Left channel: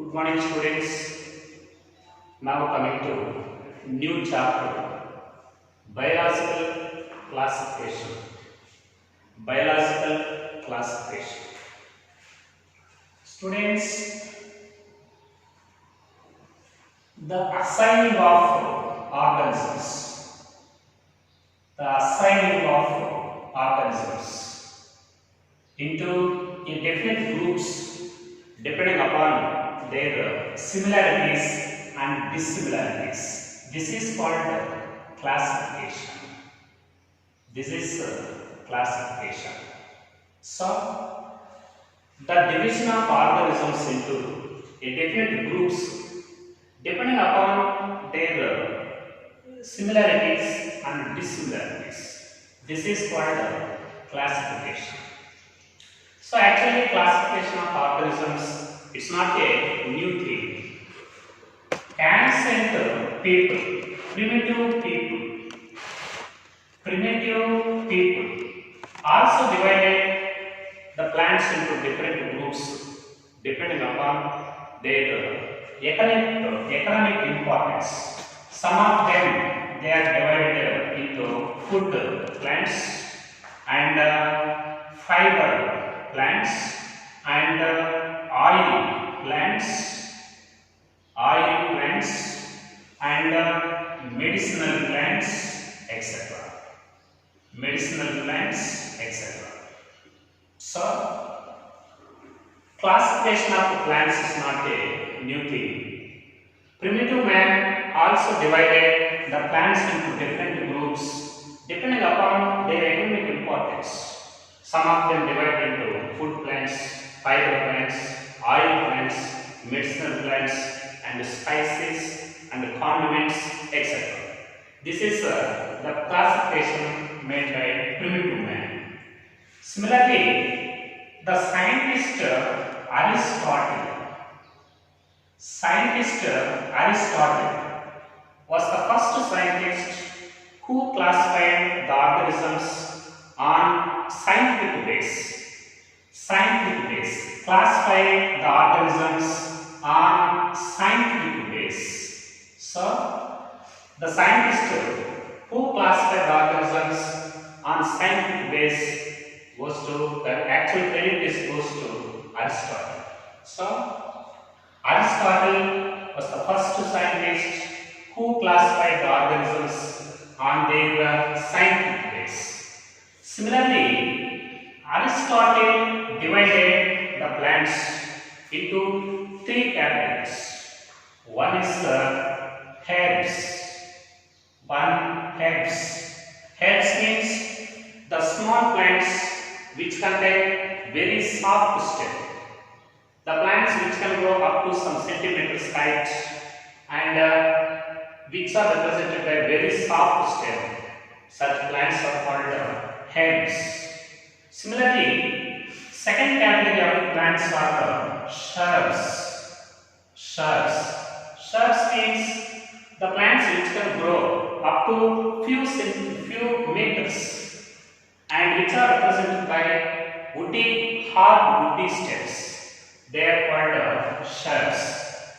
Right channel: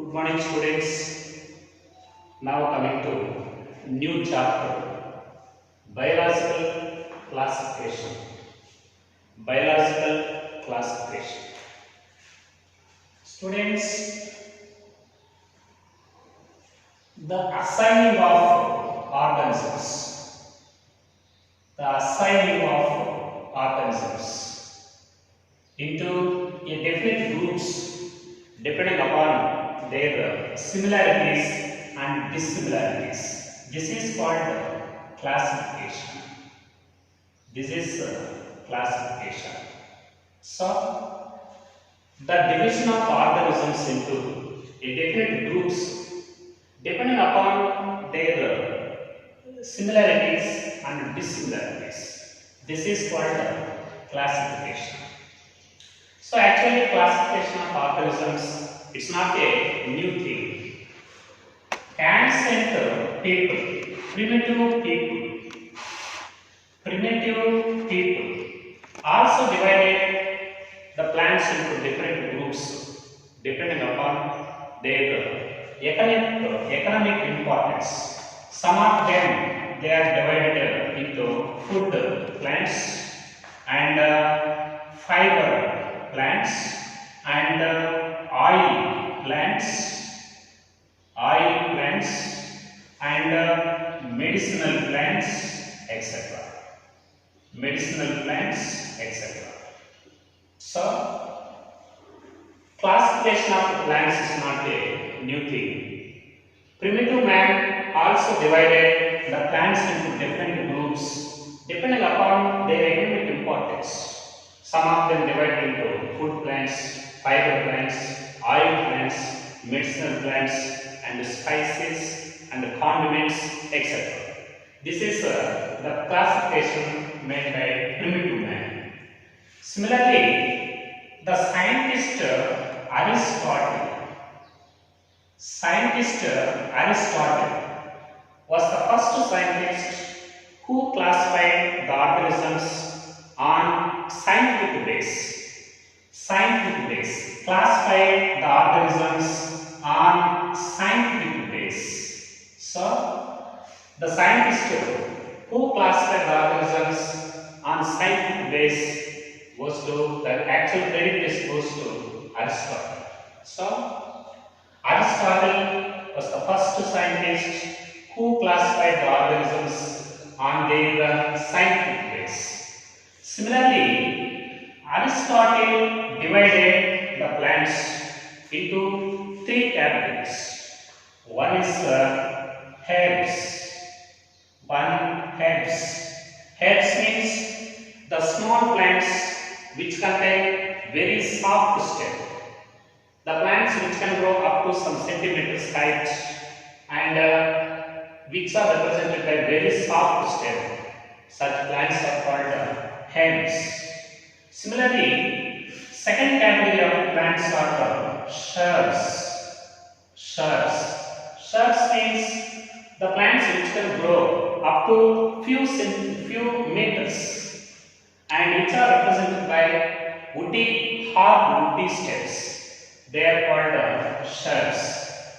Good morning, students. Now coming to new chapter, biological classification. Biological classification. Students, the assigning of organisms. The assigning of organisms into a definite groups depending upon their similarities and dissimilarities. This is called classification. This is classification. So, the division of organisms into a different groups depending upon their similarities and dissimilarities. This is called classification. So actually classification of organisms, it's not a new thing. Ancient people, primitive people also divided the plants into different groups depending upon their economic importance. Some of them they are divided into food plants and fiber plants and oil plants and medicinal plants, etc. Medicinal plants, etc. So, classification of plants is not a new thing. Primitive man also divided the plants into different groups depending upon their economic importance. Some of them divided into food plants, fiber plants, oil plants, medicinal plants, and spices and condiments, etc. This is the classification made by primitive man. Similarly, the scientist Aristotle was the first scientist who classified the organisms on scientific base. Classified the organisms on scientific base. So, the scientist who classified the organisms on scientific base the actual credit goes to Aristotle. So, Aristotle was the first scientist who classified the organisms on their scientific base. Similarly, Aristotle divided the plants into three categories. One is herbs. Herbs means the small plants which contain very soft stem. The plants which can grow up to some centimeters height and which are represented by very soft stem. Such plants are called herbs. Similarly, second category of plants are shrubs means the plants which can grow up to few meters and which are represented by hard woody stems. They are called shrubs.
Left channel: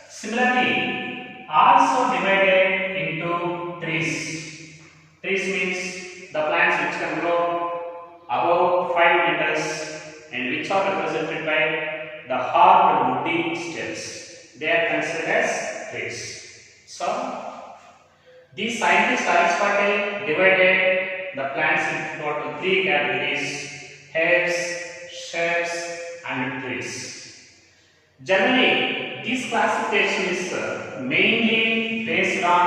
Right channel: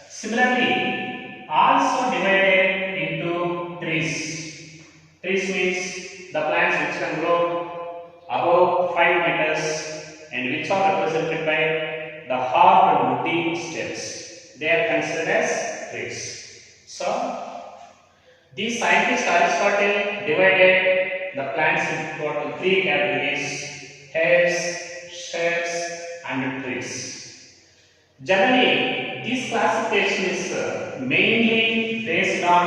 Similarly, also divided into trees. Trees means the plants which can grow above 5 meters and which are represented by the hard woody stems. They are considered as trees. So, the scientist Aristotle divided the plants into three categories: herbs, shrubs, and trees. Generally, this classification is mainly based on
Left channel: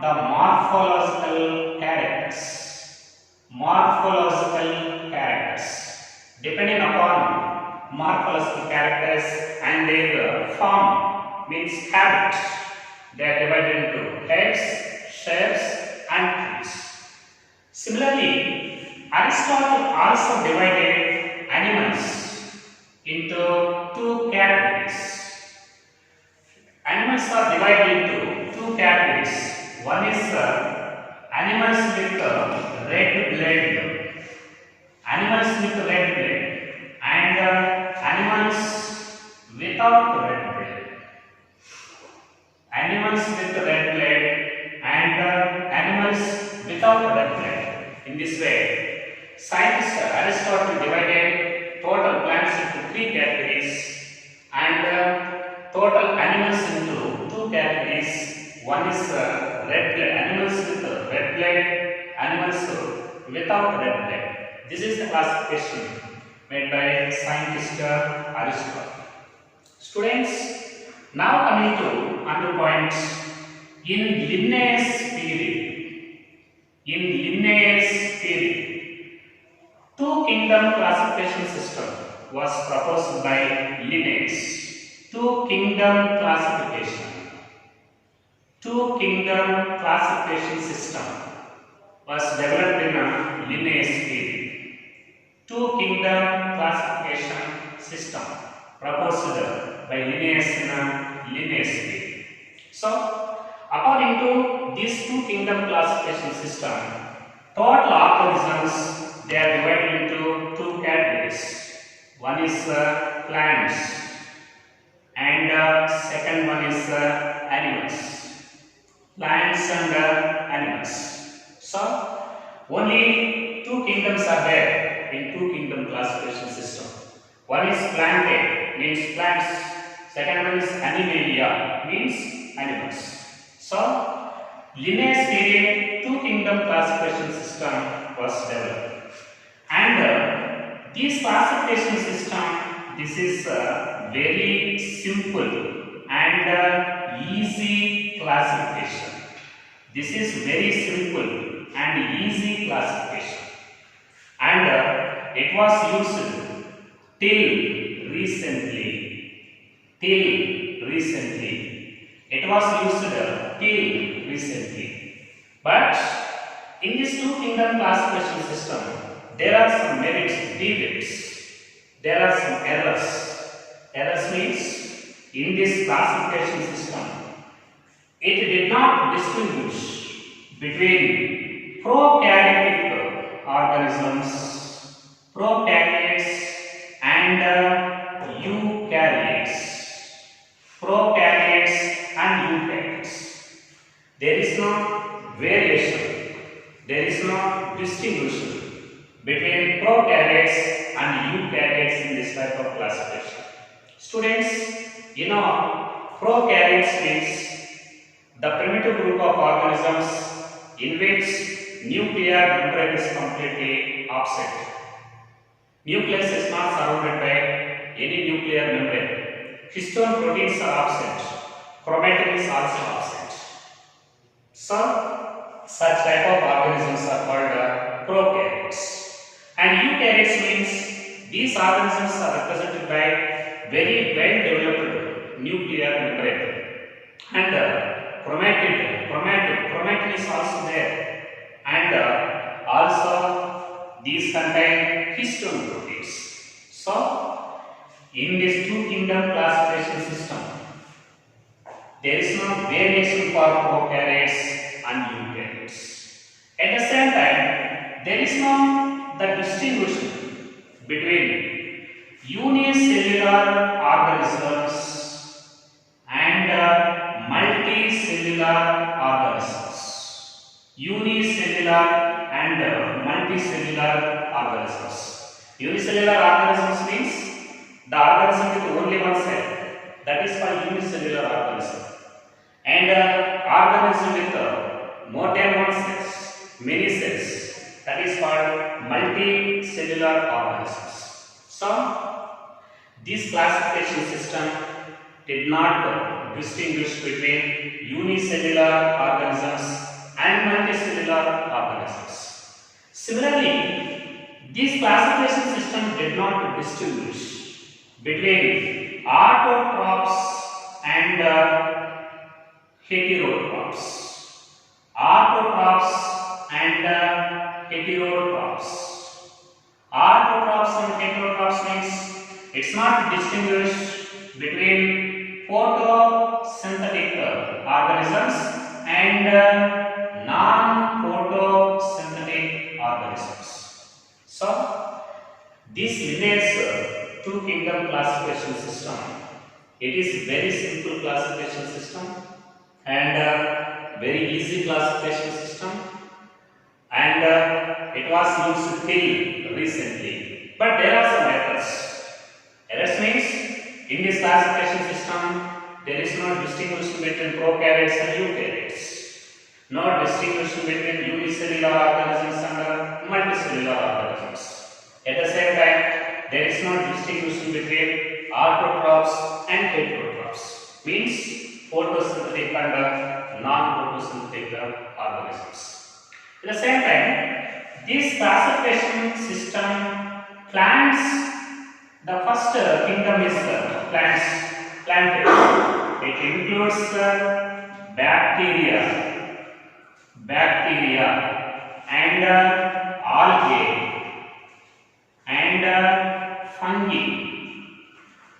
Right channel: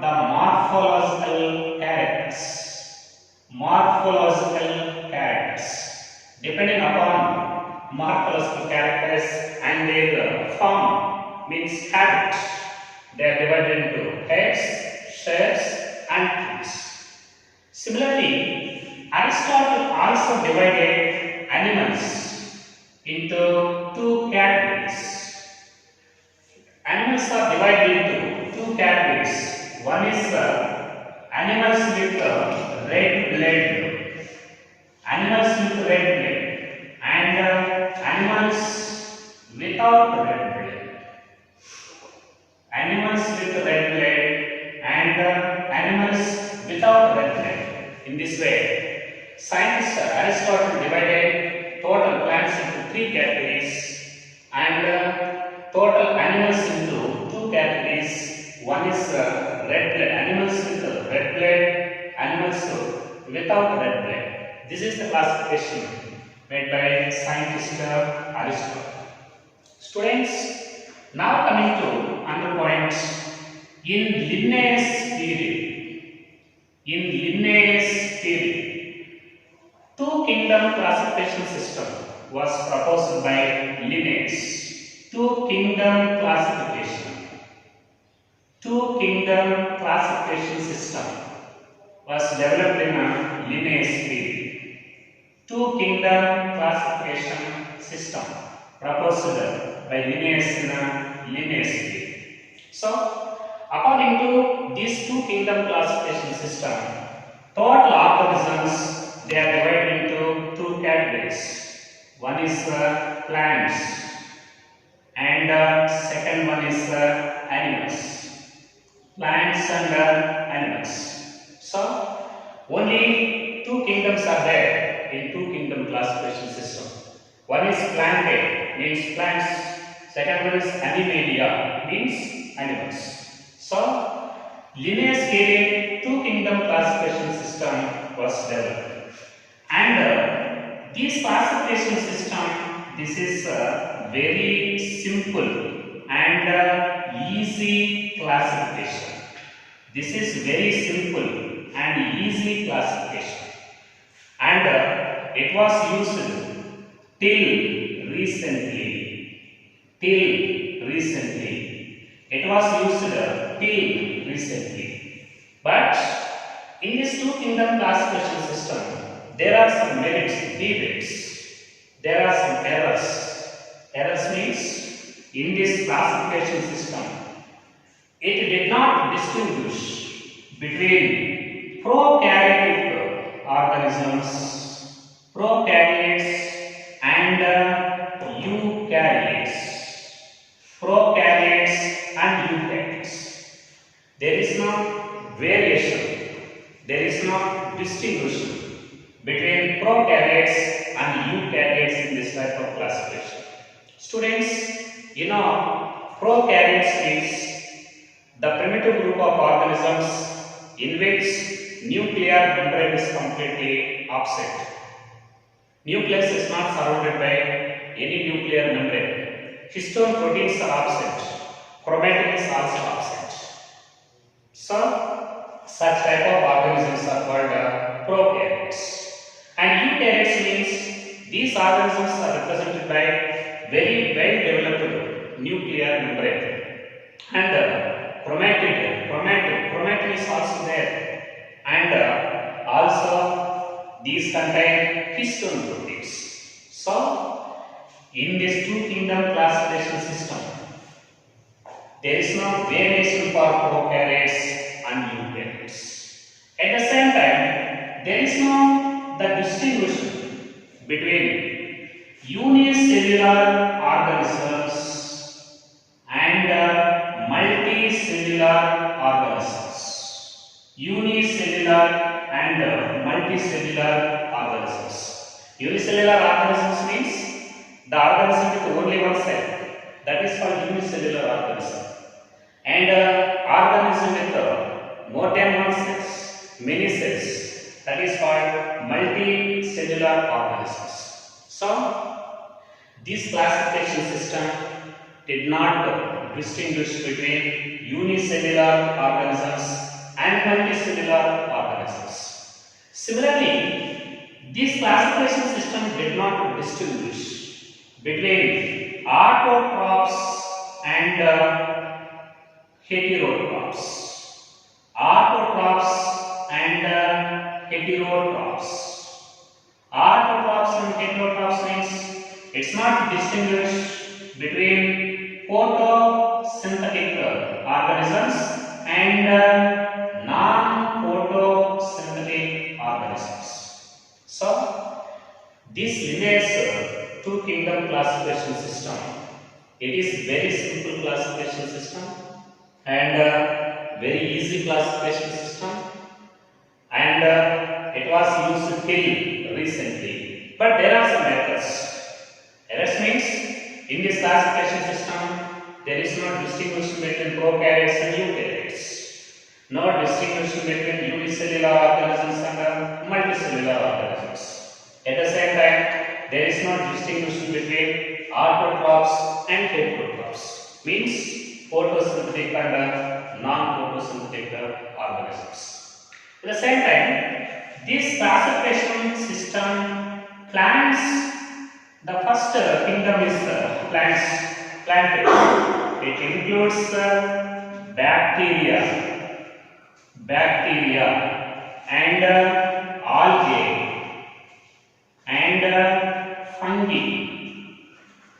the morphological characters. Depending upon morphological characters and their form means habit, they are divided into herbs, shrubs, and trees. Similarly, Aristotle also divided animals into two categories. Animals are divided into two categories. One is animals with red blood, and animals without red blood. animals with red blood and animals without red blood. In this way, scientist Aristotle divided total plants into three categories and total animals into two categories. One is red blood, animals with red blood, animals without red blood. This is the classification made by scientist Aristotle. Students, now coming to another point. In Linnaeus period, two kingdom classification system was proposed by Linnaeus. Two kingdom classification system was developed in Linnaeus period. Two kingdom classification system proposed by Linnaeus in Linnaeus period. So, according to these two kingdom classification system, total organisms, they are divided into two categories. One is plants and second one is animals. Plants and animals. So, only two kingdoms are there in two kingdom classification system. One is plantae, means plants. Second one is animalia, means animals. So, Linnaeus period two kingdom classification system was developed, and this classification system, this is very simple and easy classification. This is very simple and easy classification, and it was used till recently. It was used till recently. But in this two kingdom classification system, there are some merits, demerits. There are some errors. Errors means in this classification system, it did not distinguish between prokaryotic organisms, prokaryotes and eukaryotes. Prokaryotes and eukaryotes. There is no variation, there is no distinguishing between prokaryotes and eukaryotes in this type of classification. Students, you know, prokaryotes means the primitive group of organisms in which nuclear membrane is completely absent. Nucleus is not surrounded by any nuclear membrane. Histone proteins are absent. Chromatin is also absent. So, such type of organisms are called prokaryotes. And eukaryotes means these organisms are represented by very well developed nuclear membrane. And chromatin is also there. And also these contain histone proteins. So, in this two kingdom classification system, there is no variation for prokaryotes and eukaryotes. At the same time, there is no the distinguishing between unicellular organisms and multicellular organisms. Unicellular and multicellular organisms. Unicellular organisms means the organism with only one cell, that is called unicellular organism. And organism with more than one cells, many cells, that is called multicellular organisms. So, this classification system did not distinguish between unicellular organisms and multicellular organisms. Similarly, this classification system did not distinguish between autotrophs and heterotrophs. Autotrophs and heterotrophs. Autotrophs and heterotrophs means it's not distinguished between photosynthetic organisms and non-photosynthetic organisms. So, this Linnaeus two kingdom classification system, it is very simple classification system and very easy classification system, and it was used till recently. But there are some errors. Errors means in this classification system there is no distinction between prokaryotes and eukaryotes, no distinction between unicellular organisms and multicellular organisms. At the same time, there is no distinction between autotrophs and heterotrophs, means photosynthetic and non-photosynthetic organisms. At the same time, this classification system plants, the first kingdom is plants, planted. It includes bacteria and algae and fungi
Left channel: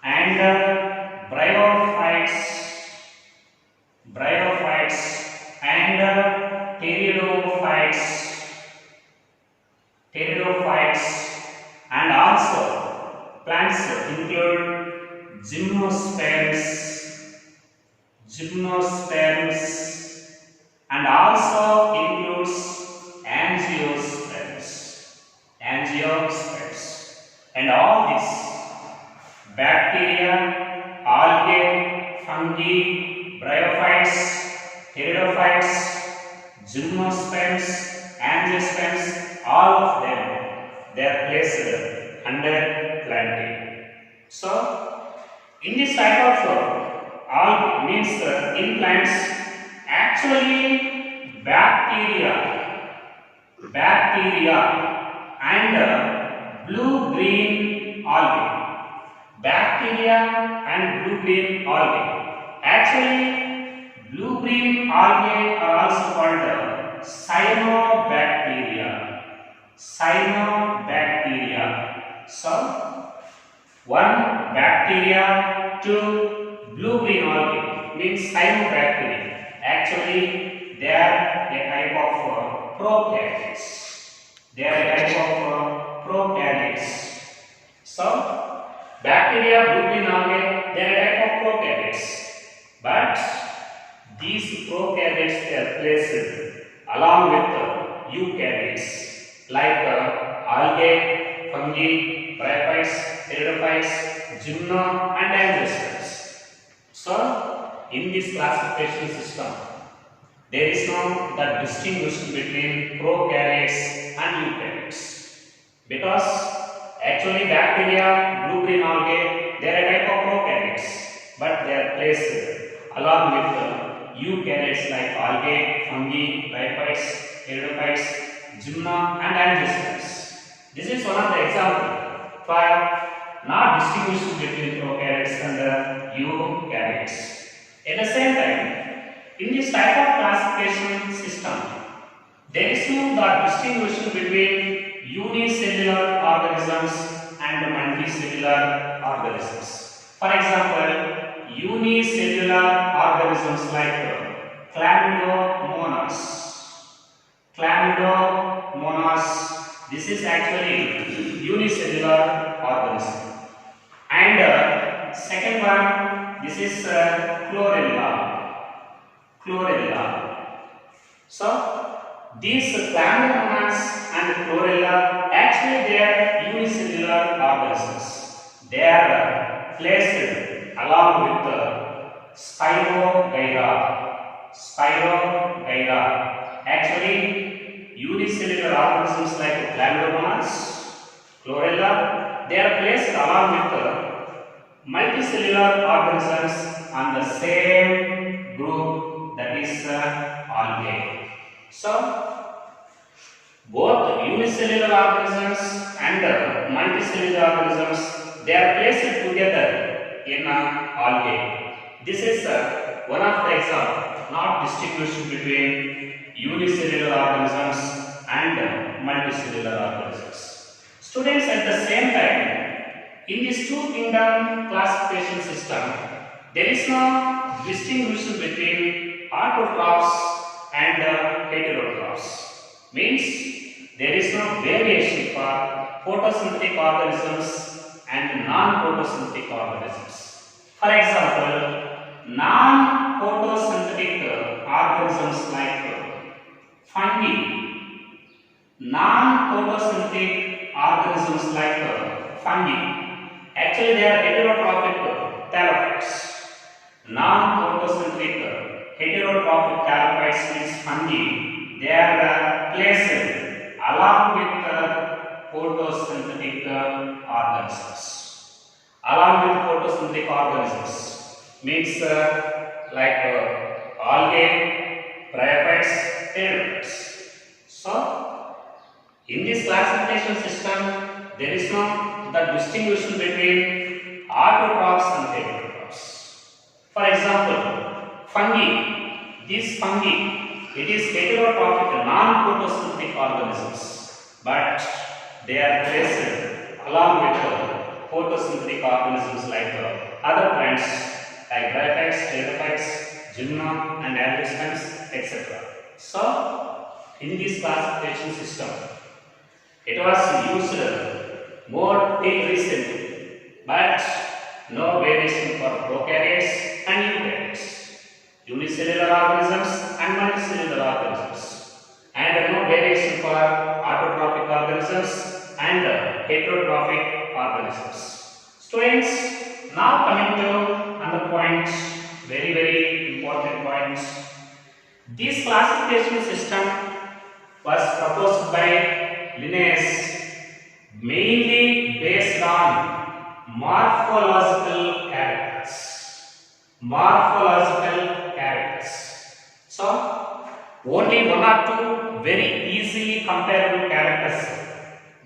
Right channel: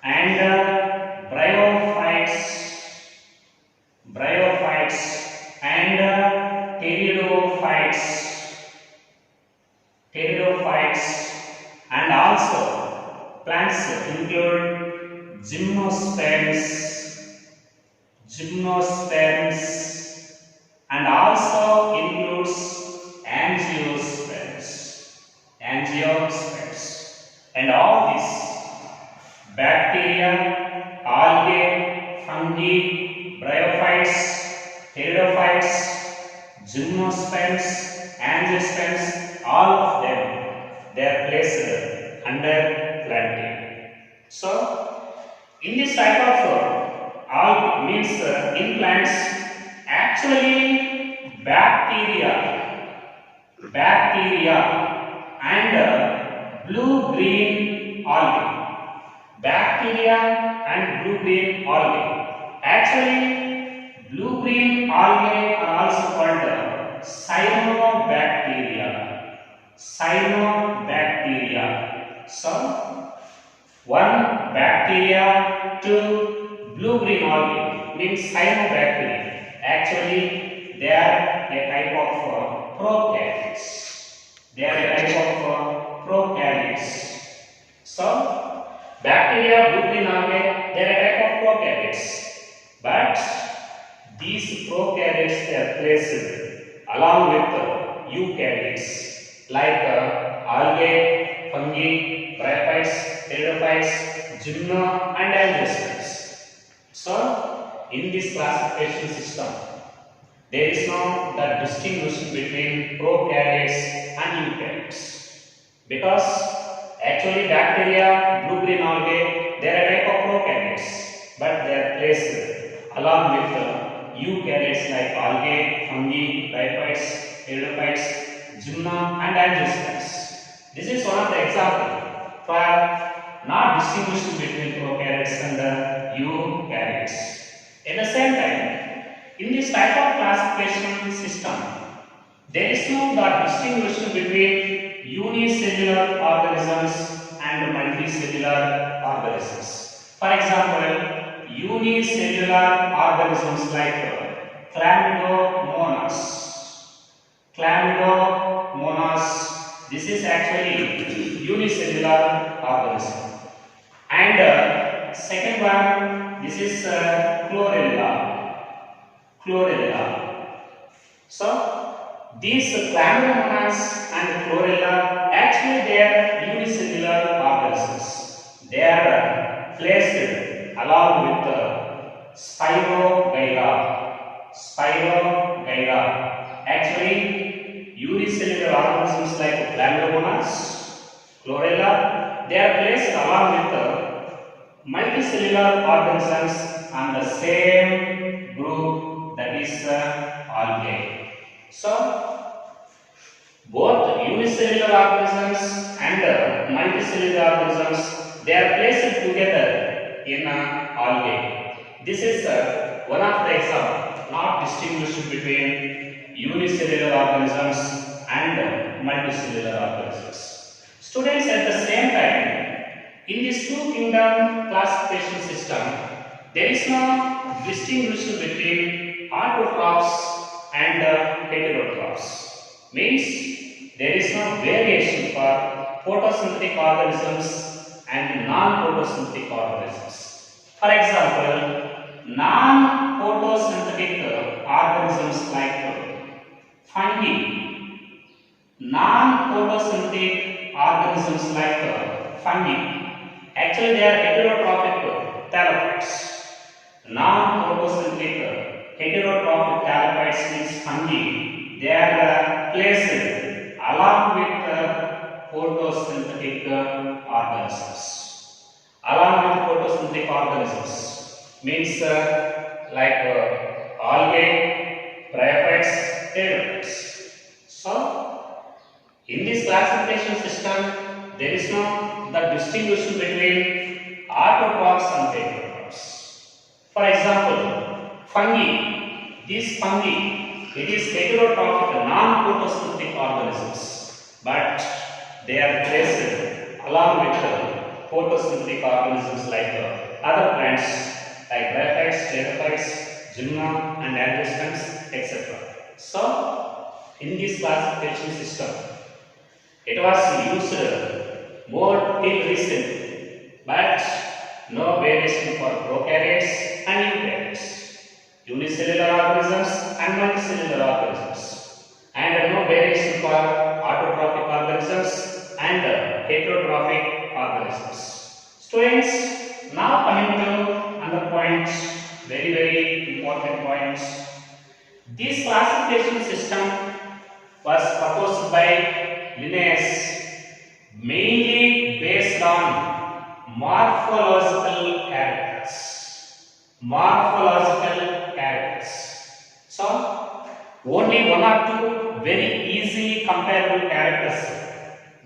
and bryophytes and pteridophytes, and also plants include gymnosperms and also includes angiosperms, and all these bacteria, algae, fungi, bryophytes, pteridophytes, gymnosperms, angiosperms, all of them, they are placed under planting. So in this type of algae means in plants, actually bacteria and blue-green algae. Actually, blue-green algae are also called cyanobacteria. So, one bacteria to blue-green algae means cyanobacteria. Actually, they are a type of prokaryotes. So, bacteria, blue-green algae, they are a type of prokaryotes. But these prokaryotes, they are placed along with eukaryotes like algae, fungi, bryophytes, pteridophytes, gymno and angiosperms. So, in this classification system, there is no the distinction between prokaryotes and eukaryotes, because actually bacteria, blue-green algae, they are a type of prokaryotes, but they are placed along with eukaryotes like algae, fungi, bryophytes, pteridophytes, gymno and angiosperms. This is one of the examples for not distinguishing between prokaryotes and eukaryotes. At the same time, in this type of classification system, there is no the distinction between unicellular organisms and multicellular organisms. For example, unicellular organisms like chlamydomonas. This is actually unicellular organism. And second one, this is chlorella. So these chlamydomonas and chlorella, actually they are unicellular organisms. They are placed along with spirogyra. Actually, unicellular organisms like chlamydomonas, chlorella, they are placed along with multicellular organisms on the same group, that is algae. So, both unicellular organisms and multicellular organisms, they are placed together in algae. This is one of the examples, not distinguishing between unicellular organisms and multicellular organisms. Students, at the same time, in this two kingdom classification system, there is no distinction between autotrophs and heterotrophs. Means there is no variation for photosynthetic organisms and non-photosynthetic organisms. For example, non-photosynthetic organisms like fungi, non-photosynthetic organisms like fungi. Actually, they are heterotrophic thalapids. Non-photosynthetic heterotrophic thalapids means fungi. They are placed along with photosynthetic organisms. Along with photosynthetic organisms means like algae, bryophytes, pteropods. So, in this classification system, there is no the distinction between autotrophs and heterotrophs. For example, fungi. These fungi, it is heterotrophic, non-photosynthetic organisms, but they are placed along with photosynthetic organisms like other plants like bryophytes, pterophytes, gymna and angiosperms, etc. So, in this classification system, it was used more till recently, but no variation for prokaryotes and eukaryotes, unicellular organisms and multicellular organisms, and no variation for autotrophic organisms and heterotrophic organisms. Students, now coming to another point, very important point. This classification system was proposed by Linnaeus, mainly based on morphological characters. Morphological characters. So, only one or two very easily comparable characters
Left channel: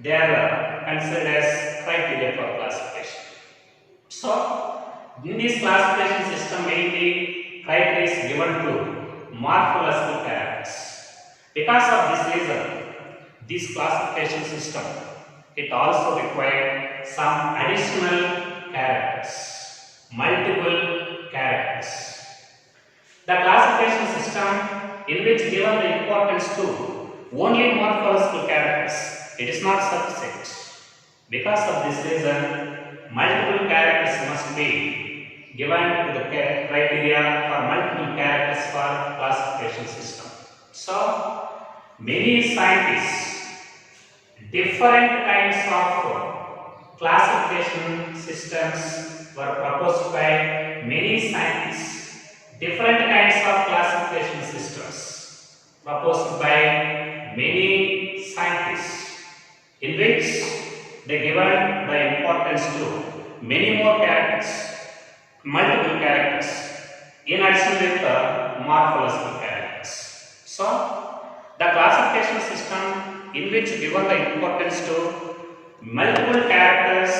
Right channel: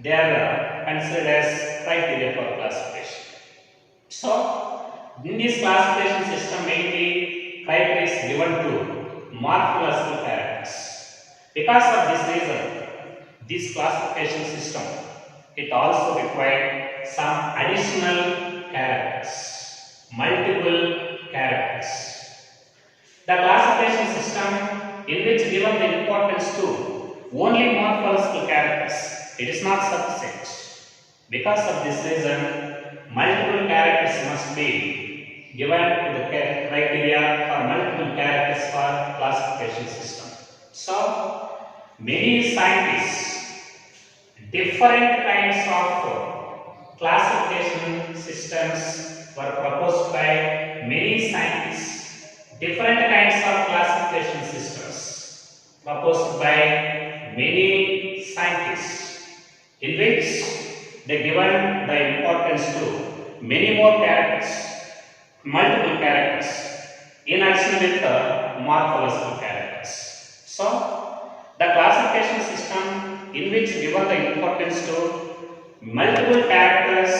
they are considered as criteria for classification. So, in this classification system, mainly criteria is given to morphological characters. Because of this reason, this classification system, it also required some additional characters, multiple characters. The classification system in which given the importance to only morphological characters, it is not sufficient. Because of this reason, multiple characters must be given to the criteria for multiple characters for classification system. So, many scientists, different kinds of classification systems were proposed by many scientists. Different kinds of classification systems proposed by many scientists, in which they given the importance to many more characters, multiple characters, in addition with the morphological characters. So, the classification system in which given the importance to multiple characters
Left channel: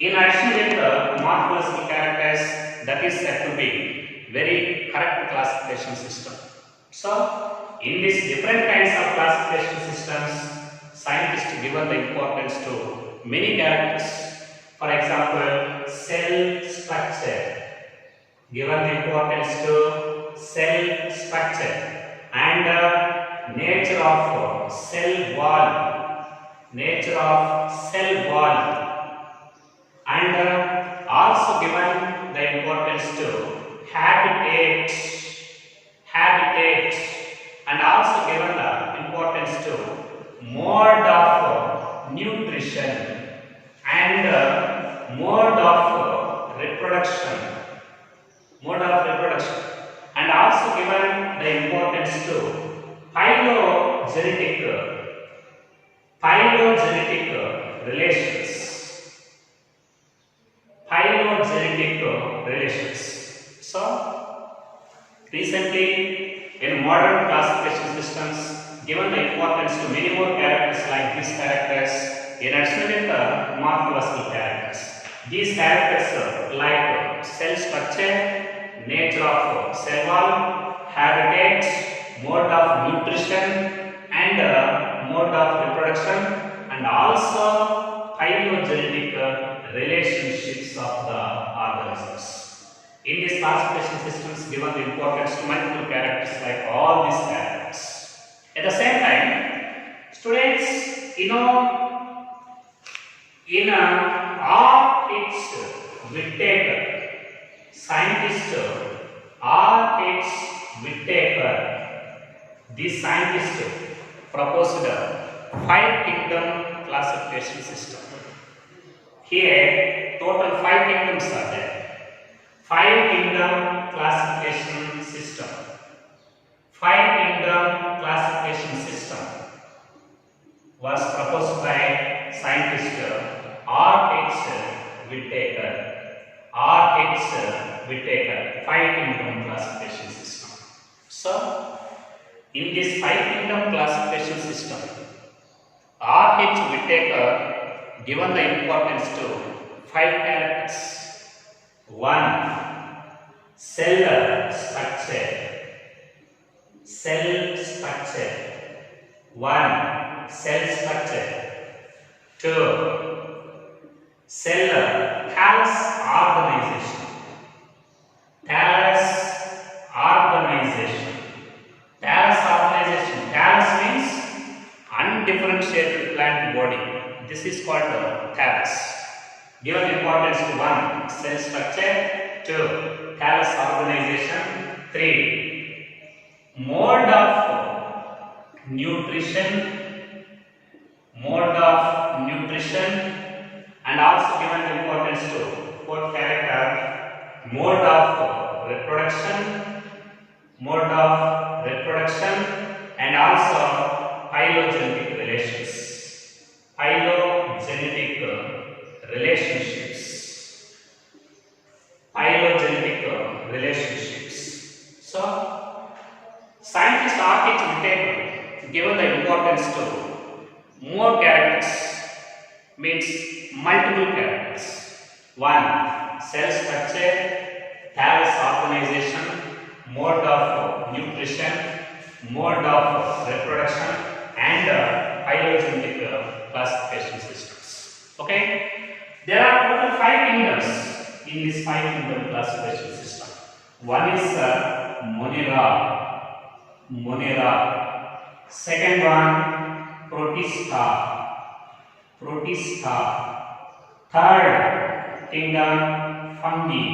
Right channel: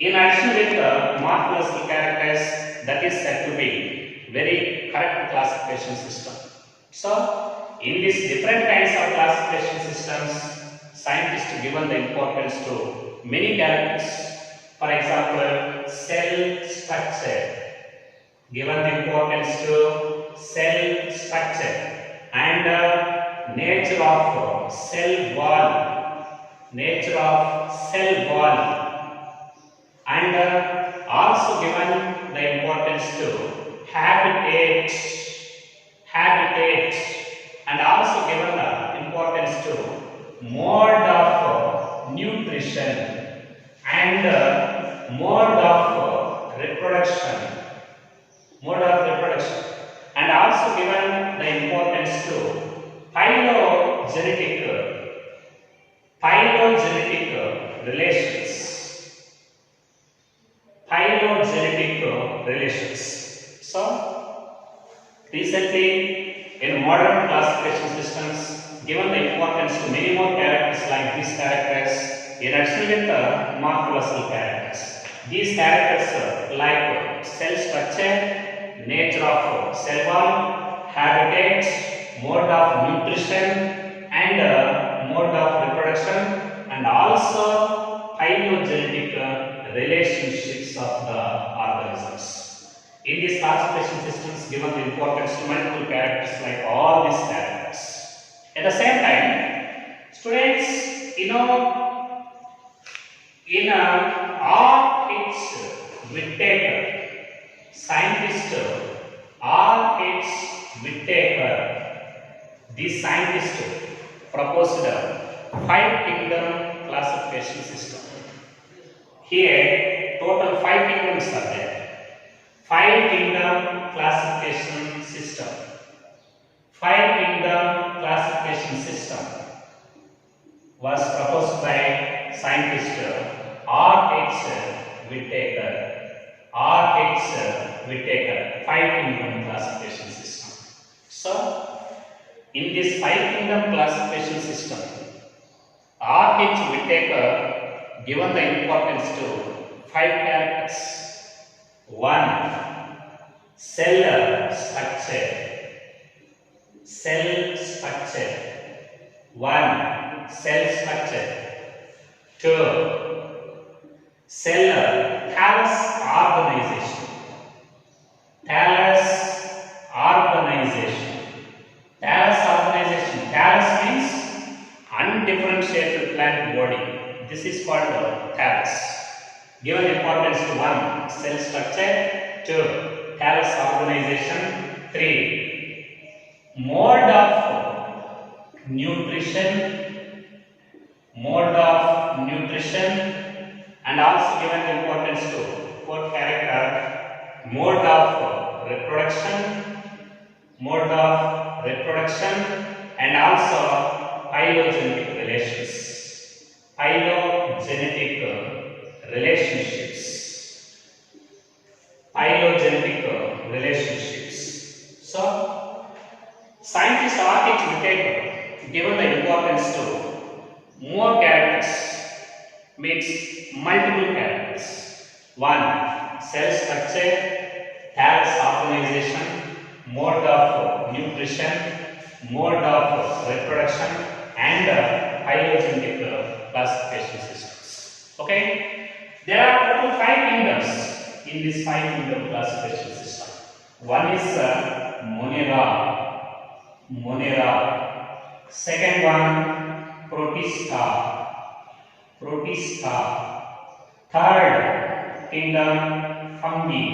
in addition with the morphological characters, that is said to be very correct classification system. So, in these different kinds of classification systems, scientists given the importance to many characters. For example, cell structure, given the importance to cell structure, and nature of cell wall, and also given the importance to habitat, and also given the importance to mode of nutrition and mode of reproduction, and also given the importance to phylogenetic relations. So, recently in modern classification systems, given the importance to many more characters like these characters, in addition with the morphological characters. These characters like cell structure, nature of cell wall, habitat, mode of nutrition, and mode of reproduction, and also phylogenetic relationships of the organisms. In these classification systems, given the importance to multiple characters like all these characters. At the same time, students, in all its dictator, scientist R. H. Whittaker, the scientist proposed a 5 kingdom classification system. Here, total 5 kingdoms are there. 5 kingdom classification system. 5 kingdom classification system was proposed by scientist R. H. Whittaker. R. H. Whittaker, 5 kingdom classification system. So, in this 5 kingdom classification system, R. H. Whittaker given the importance to 5 characters. 1. Cell structure. Cell structure. 1. Cell structure. 2. Cell thallus organization. Thallus organization. Thallus organization. Thallus means undifferentiated plant body. This is called thallus. Given importance to 1. Cell structure. 2. Thallus organization. 3. Mode of nutrition. Mode of nutrition. And also given importance to 4th character, mode of reproduction, and also phylogenetic relations. Phylogenetic relationships. Phylogenetic relationships. So, scientist R. H. Whittaker given the importance to more characters, means multiple characters. 1. Cell structure, thallus organization, mode of nutrition, mode of reproduction, and phylogenetic classification systems. Okay? There are total 5 kingdoms in this 5 kingdom classification system. One is Monera. Second one, Protista. Third kingdom, fungi.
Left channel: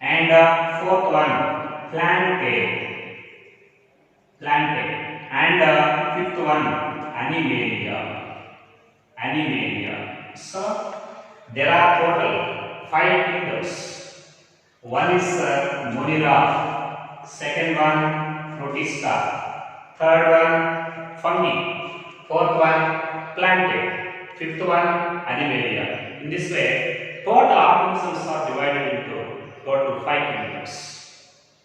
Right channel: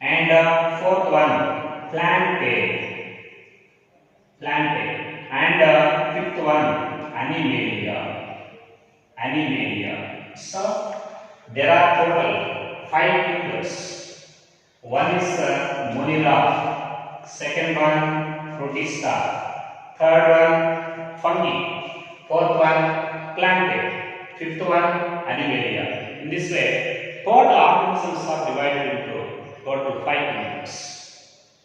And 4th one, Plantae. And 5th one, Animalia. So, there are total 5 kingdoms. One is Monera. Second one, Protista. Third one, fungi. 4th one, Plantae. 5th one, Animalia. In this way, total organisms are divided into total 5 kingdoms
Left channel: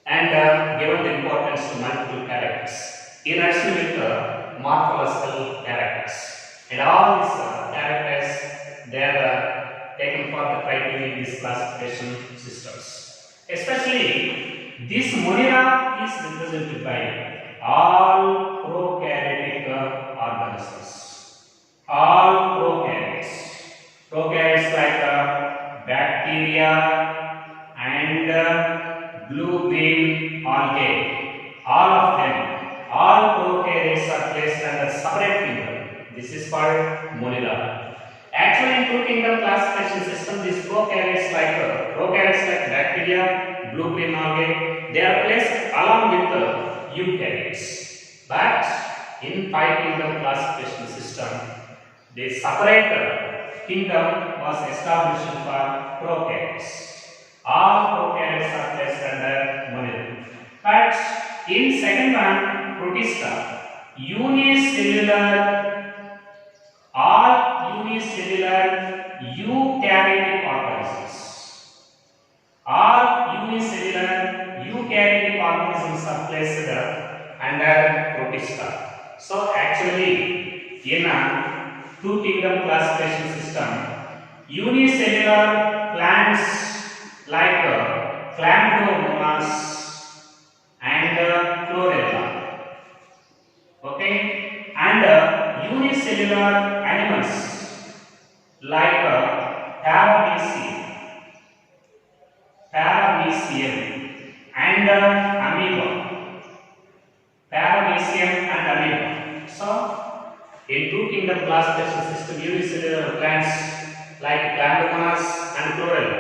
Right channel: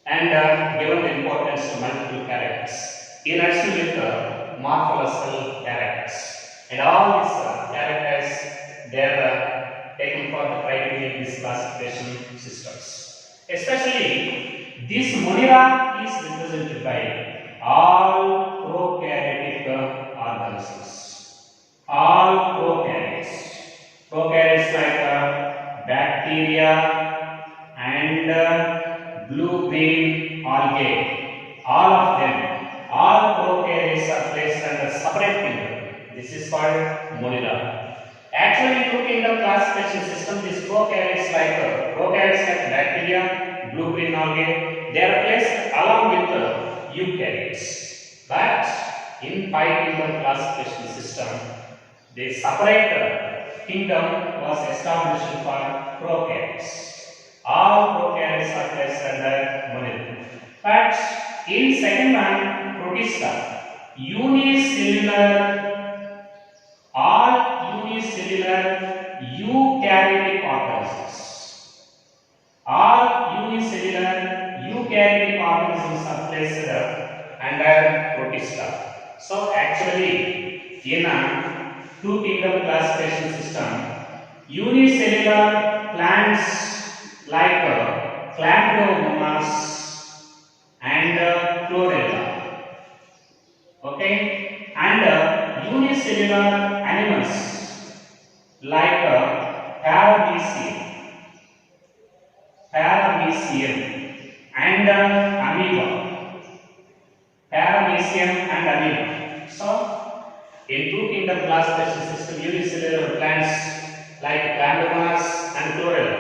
and given the importance to multiple characters in addition with morphological characters. And all these characters, they are taken for the criteria in these classification systems. Especially, this Monera is represented by all prokaryotic organisms. All prokaryotes. Prokaryotes like bacteria and blue-green algae. All of them, all prokaryotes are placed under separate kingdom. This is called Monera. Actually, in 2 kingdom classification system, these prokaryotes like bacteria, blue-green algae, they are placed along with eukaryotes. But in 5 kingdom classification system, the separate kingdom was established for prokaryotes. All prokaryotes are placed under Monera. But in second one, Protista, all unicellular eukaryotic organisms. All unicellular eukaryotic organisms are placed under Protista. So actually, in a 2 kingdom classification system, unicellular plants like Chlamydomonas and Chlorella, okay, and unicellular animals like Paramecium and amoeba. So, in 2 kingdom classification system, unicellular plants like Chlamydomonas and Chlorella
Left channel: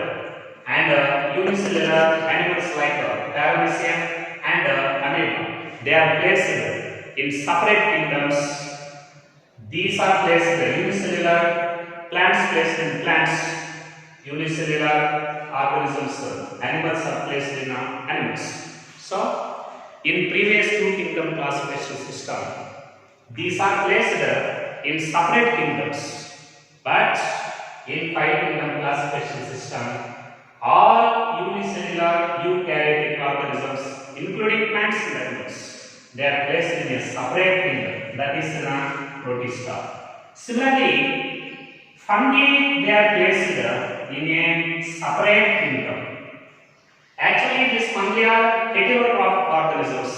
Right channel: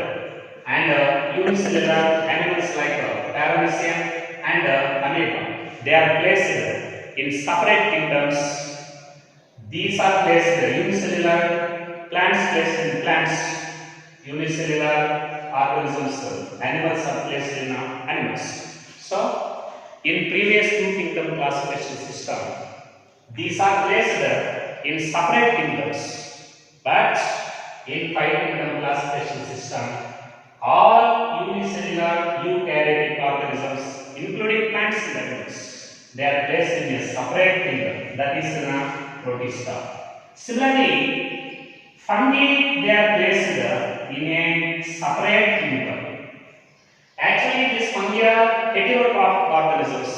and unicellular animals like paramecium and amoeba. They are placed in separate kingdoms. These are placed unicellular plants placed in plants, unicellular organisms, animals are placed in animals. So, in previous two kingdom classification system, these are placed in separate kingdoms, but in five kingdom classification system, all unicellular eukaryotic organisms, including plants and animals, they are placed in a separate kingdom, that is in a protista. Similarly, fungi, they are placed in a separate kingdom. Actually, these fungi are heterotrophic organisms,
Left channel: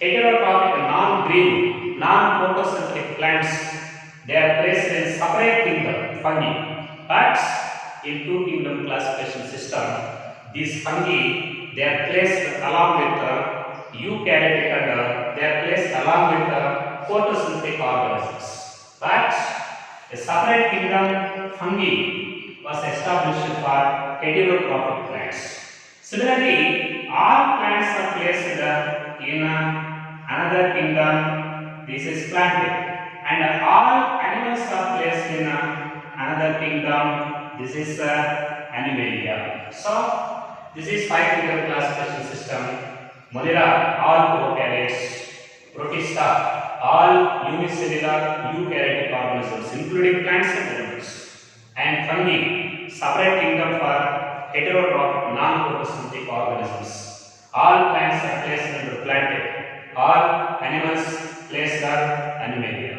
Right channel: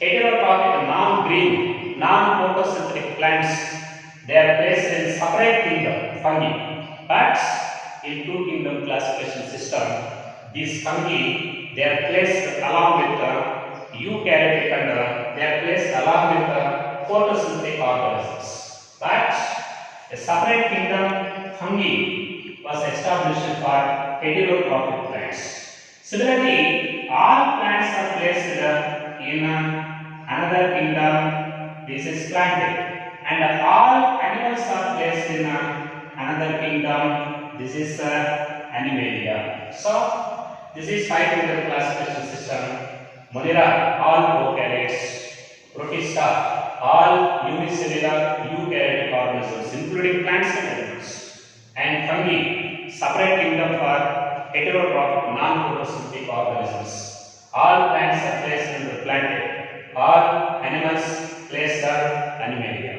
heterotrophic non-green, non-photosynthetic plants. They are placed in separate kingdom, fungi. But in two kingdom classification system, these fungi, they are placed along with eukaryotic and they are placed along with photosynthetic organisms. But a separate kingdom, fungi, was established for heterotrophic plants. Similarly, all plants are placed in another kingdom. This is planted, and all animals are placed in another kingdom. This is animalia. So, this is five kingdom classification system. Monera, all prokaryotes. Protista, all unicellular eukaryotic organisms, including plants and animals. And fungi, separate kingdom for heterotrophic non-photosynthetic organisms. All plants are placed under planted. All animals placed are animalia.